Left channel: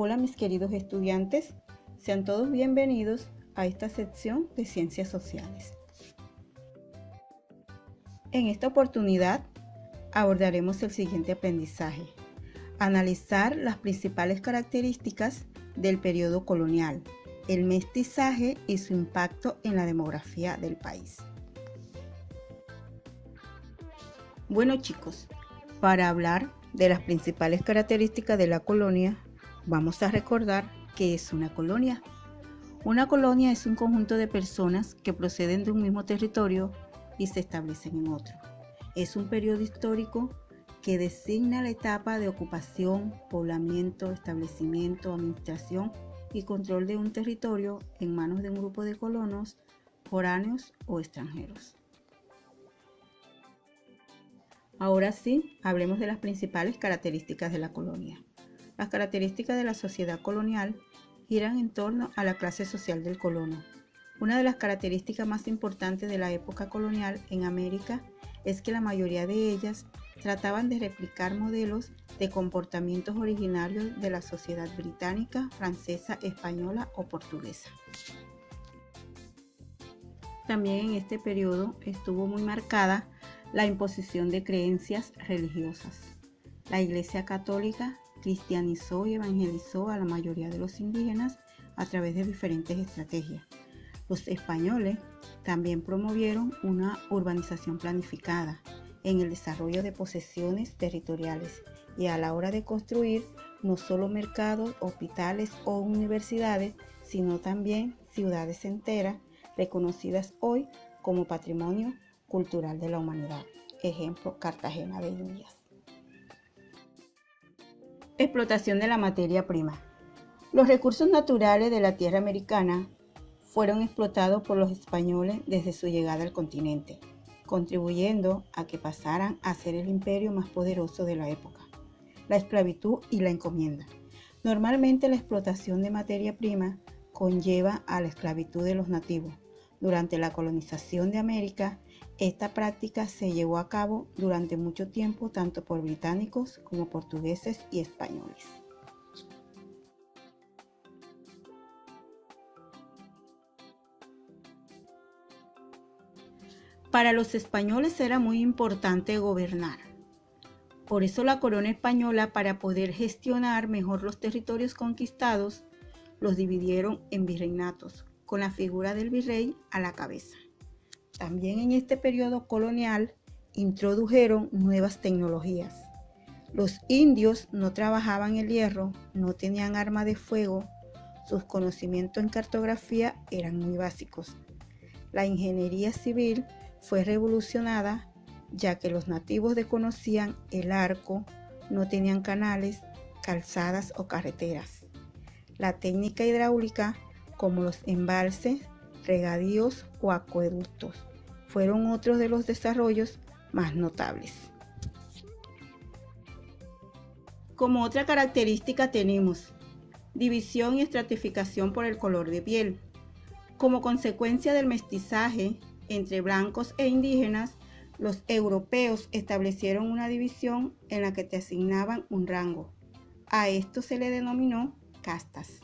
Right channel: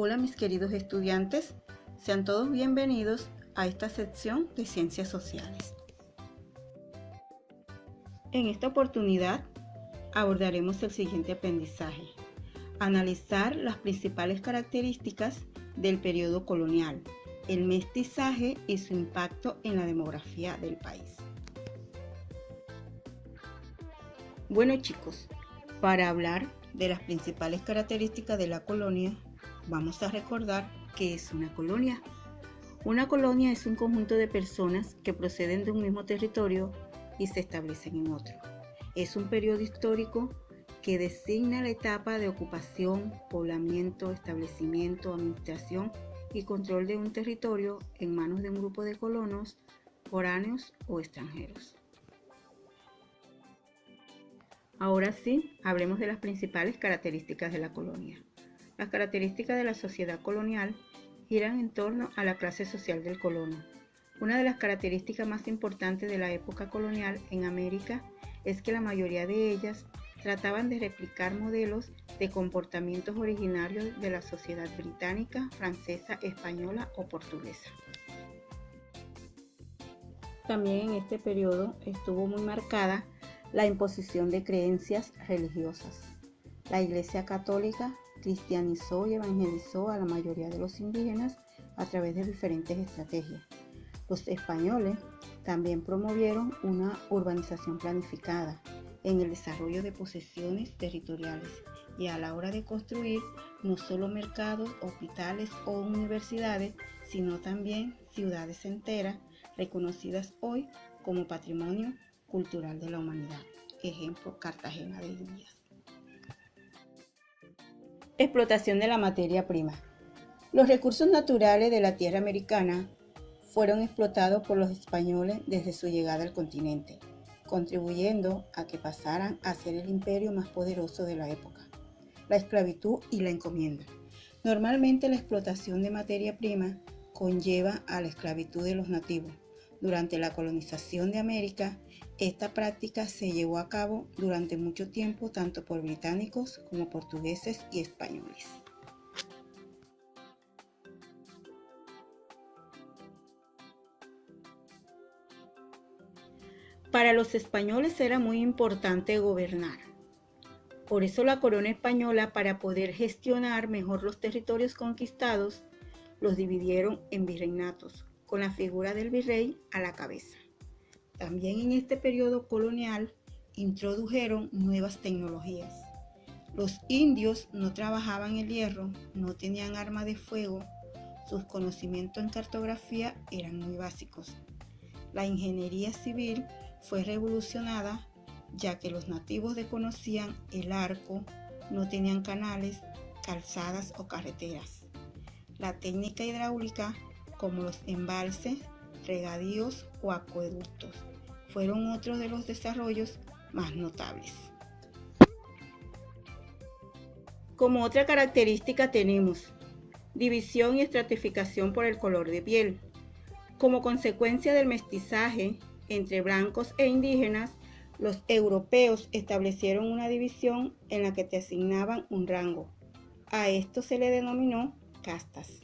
Hola mis queridos estudiantes, sean todos bienvenidos a esta sección de Ciencias Sociales. En esta oportunidad abordaremos el siguiente aprendizaje: analizar las principales características del periodo colonial, el mestizaje y su impacto en la demografía del país. Bueno chicos, para hablar de las principales características de la colonia, vamos a recordar qué es una colonia. Una colonia es un conjunto de personas que proceden de un mismo territorio y se establecen en otro. Es un periodo histórico que designa la etapa de ocupación, poblamiento, establecimiento, administración y control de un territorio en manos de un grupo de colonos, foráneos o extranjeros. Ahora sí, hablemos de las principales características de la colonia. Las características de la sociedad colonial giran en torno a la clase social del colono. Una de las características más importantes de la época colonial en América es que la mayoría de ellas trataban de replicar modelos de comportamientos originarios de la sociedad británica, francesa, española o portuguesa. También en este periodo estuvo muy marcada la imposición de creencias religiosas. La Iglesia Católica cristianizó y evangelizó a la mayoría de los indígenas a través de diferentes estrategias. Los españoles también promovieron una urbanización planificada en el desarrollo de posesiones territoriales y a la hora de construir no solo mercados, hospitales o universidades, sino también ciudades enteras reconocidas hoy como patrimonio cultural de la humanidad. Ejemplo, Cartagena de Indias. Explotación de la materia prima. Los recursos naturales de la tierra americana fueron explotados por los españoles desde su llegada al continente, contribuyendo a que pasaran a ser el imperio más poderoso de la época. La esclavitud y la encomienda. Normalmente la explotación de materia prima conlleva a la esclavitud de los nativos. Durante la colonización de América, esta práctica se llevó a cabo durante mucho tiempo tanto por británicos como portugueses y españoles. Para los españoles era muy importante gobernar. Por eso la corona española, para poder gestionar mejor los territorios conquistados, los dividieron en virreinatos, con la figura del virrey a la cabeza. También en este periodo colonial introdujeron nuevas tecnologías. Los indios no trabajaban el hierro, no tenían arma de fuego, sus conocimientos en cartografía eran muy básicos. La ingeniería civil fue revolucionada, ya que los nativos desconocían el arco, no tenían canales, calzadas o carreteras. La técnica hidráulica, como los embalses, regadíos o acueductos, fueron otros de los desarrollos más notables. Como otra característica tenemos división y estratificación por el color de piel. Como consecuencia del mestizaje entre blancos e indígenas, los europeos establecieron una división en la que te asignaban un rango. A esto se le denominó castas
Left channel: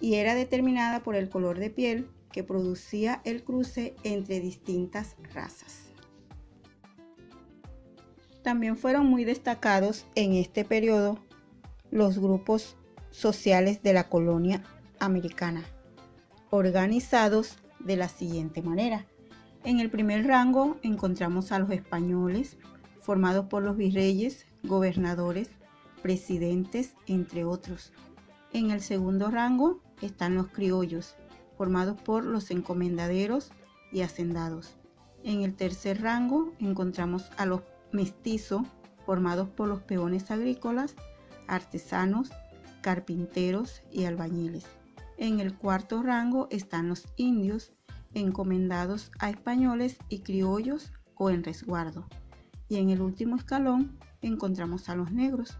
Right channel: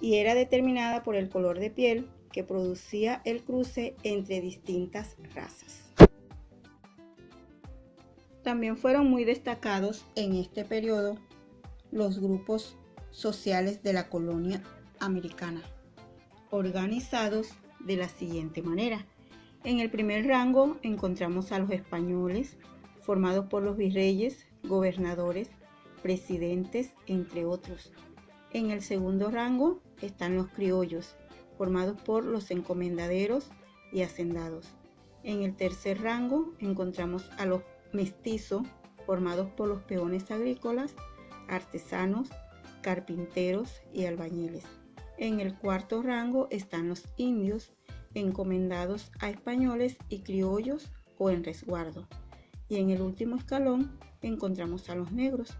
y era determinada por el color de piel que producía el cruce entre distintas razas. También fueron muy destacados en este periodo los grupos sociales de la colonia americana, organizados de la siguiente manera. En el primer rango encontramos a los españoles, formados por los virreyes, gobernadores, presidentes, entre otros. En el segundo rango están los criollos, formados por los encomendaderos y hacendados. En el tercer rango encontramos a los mestizos, formados por los peones agrícolas, artesanos, carpinteros y albañiles. En el cuarto rango están los indios, encomendados a españoles y criollos o en resguardo. Y en el último escalón encontramos a los negros,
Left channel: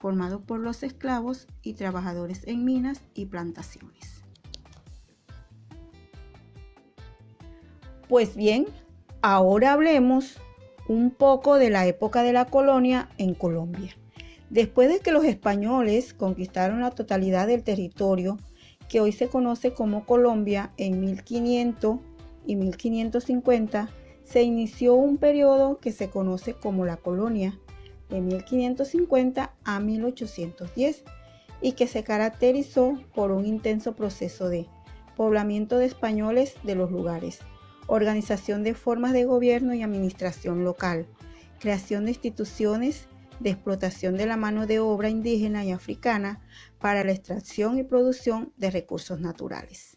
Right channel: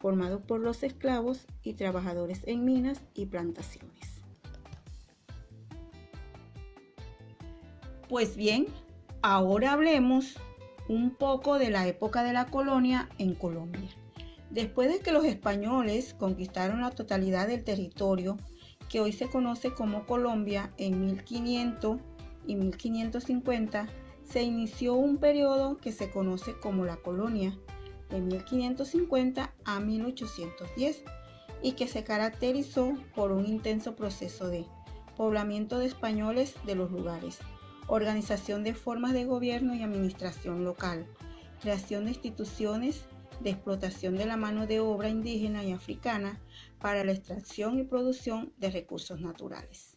formados por los esclavos y trabajadores en minas y plantaciones. Pues bien, ahora hablemos un poco de la época de la colonia en Colombia. Después de que los españoles conquistaron la totalidad del territorio que hoy se conoce como Colombia en 1500 y 1550, se inició un periodo que se conoce como la colonia, de 1550 a 1810, y que se caracterizó por un intenso proceso de poblamiento de españoles de los lugares, organización de formas de gobierno y administración local, creación de instituciones de explotación de la mano de obra indígena y africana para la extracción y producción de recursos naturales.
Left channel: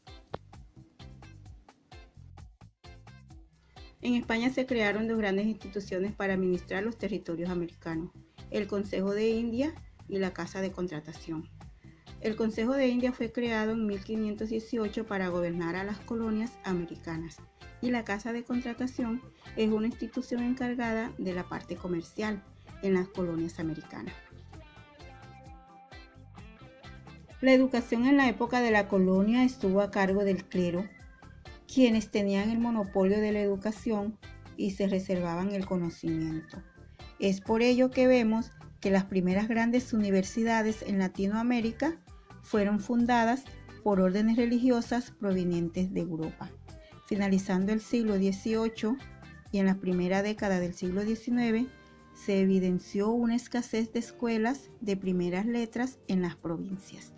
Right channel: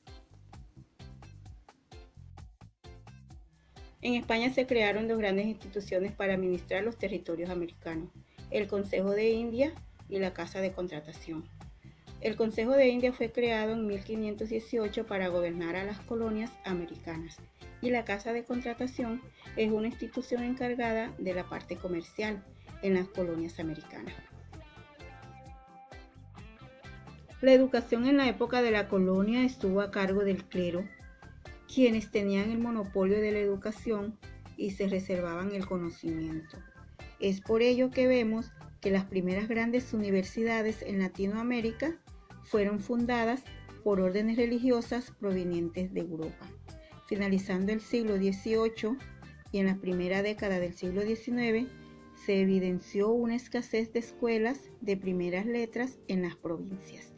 En España se crearon dos grandes instituciones para administrar los territorios americanos, el Consejo de India y la Casa de Contratación. El Consejo de India fue creado en 1518 para gobernar a las colonias americanas, y la Casa de Contratación es una institución encargada de la parte comercial en las colonias americanas. La educación en la época de la colonia estuvo a cargo del clero, quienes tenían el monopolio de la educación y se reservaban el conocimiento. Es por ello que vemos que las primeras grandes universidades en Latinoamérica fueron fundadas por órdenes religiosas provenientes de Europa. Finalizando el siglo XVIII y en la primera década del siglo XIX, se evidenció una escasez de escuelas de primeras letras en las provincias,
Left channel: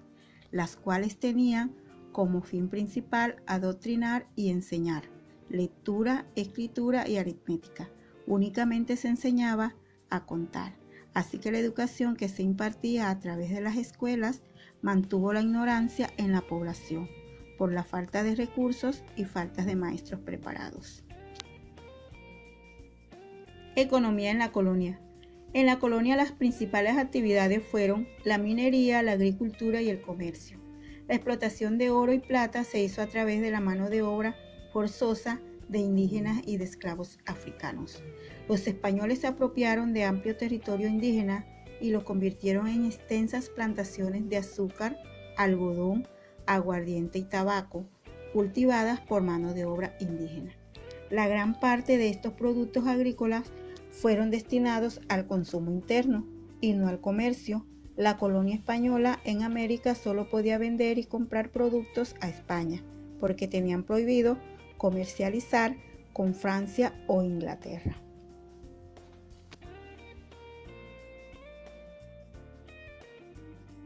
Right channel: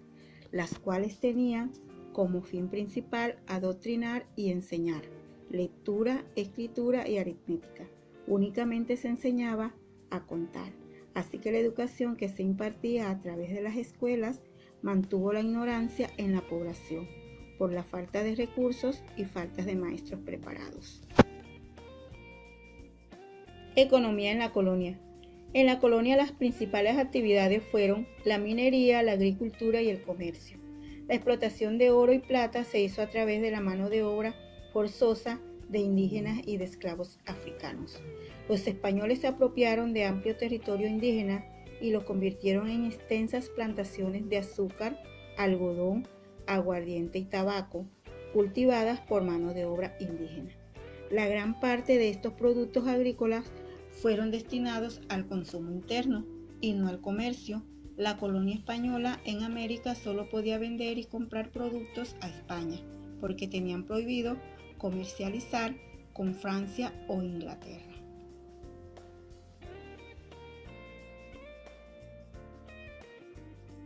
las cuales tenían como fin principal adoctrinar y enseñar lectura, escritura y aritmética. Únicamente se enseñaba a contar, así que la educación que se impartía a través de las escuelas mantuvo la ignorancia en la población por la falta de recursos y falta de maestros preparados. Economía en la colonia. En la colonia las principales actividades fueron la minería, la agricultura y el comercio. La explotación de oro y plata se hizo a través de la mano de obra forzosa de indígenas y de esclavos africanos. Los españoles se apropiaron de amplio territorio indígena y lo convirtieron en extensas plantaciones de azúcar, algodón, aguardiente y tabaco, cultivadas por mano de obra indígena. La gran parte de estos productos agrícolas fueron destinados al consumo interno y no al comercio. La colonia española en América solo podía vender y comprar productos a España, porque tenían prohibido comercializar con Francia o Inglaterra.